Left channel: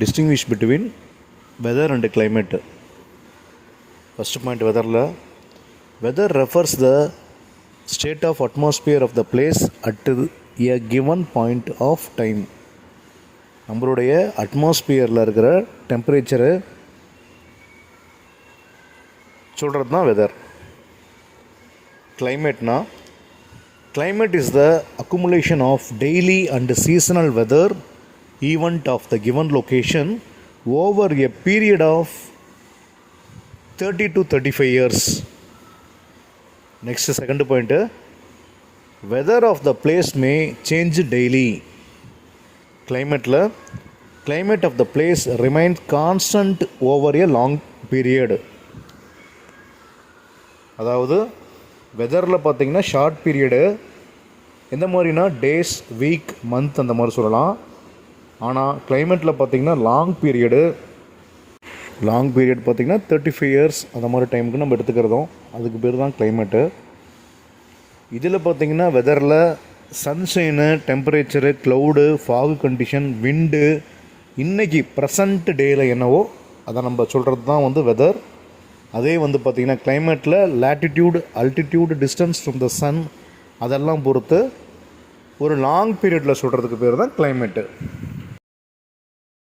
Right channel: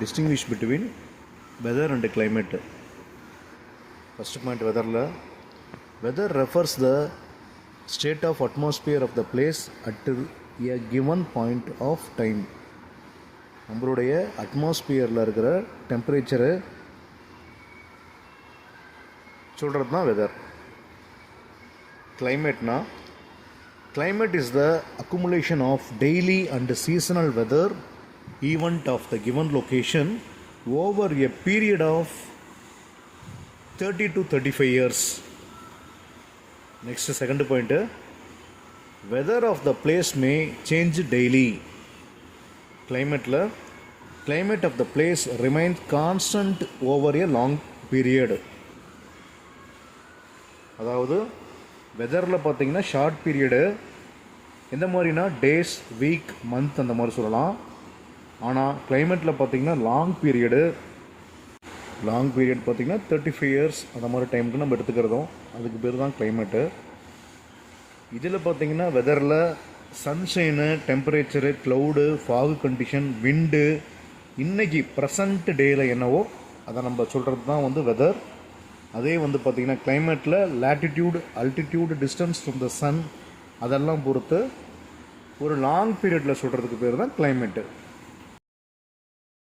distinguish between weather and climate. First point, weather refers the state of atmosphere of the place at a given point of time. நம்மளுடைய அட்மாஸ்பியரில் இருக்கிற temperature சொல்கிறது தான் weather. கிளைமேட்னா, climate is the accumulation of daily and seasonal weather event of the given location over a period of 30 to 35 years. Next, second point, weather of the place may change daily. Climate of the place remains constant over a long period. அதாவது வெதரில் பார்த்திங்கன்னா short period எந்த மாதிரினா days, week, month அந்த மாதிரி சொல்லலாம். ஆனால் கிளைமேட்டில் பார்த்திங்கன்னா long period பார்த்திங்கன்னா 35 இயர்ஸ் அந்த மாதிரி டைமுக்கு நம்ம எடுத்துக்கிறதும் அதுக்கு பேர் தான் கிளைமேட்டு. இதில் பார்த்திங்கன்னா வெதரில் சன்ஷைனு, டெம்பரேச்சரு, க்ளவுடு, ஃபாகு கண்டிஷன், விண்டு, இன்றைக்கி ப்ரெசண்ட் டேயில் என்னவோ அதை நம்ம சொல்கிறது தான் வந்து வெதர். அதே வந்து பார்த்திங்கன்னா கிளைமேட்டில் latitude, altitude, distance from the sun அதெல்லாம் பொறுத்து ஒரு லாங் பீரியடில் சொல்கிறதுக்கு பேர் தான் கிளைமேட்டு.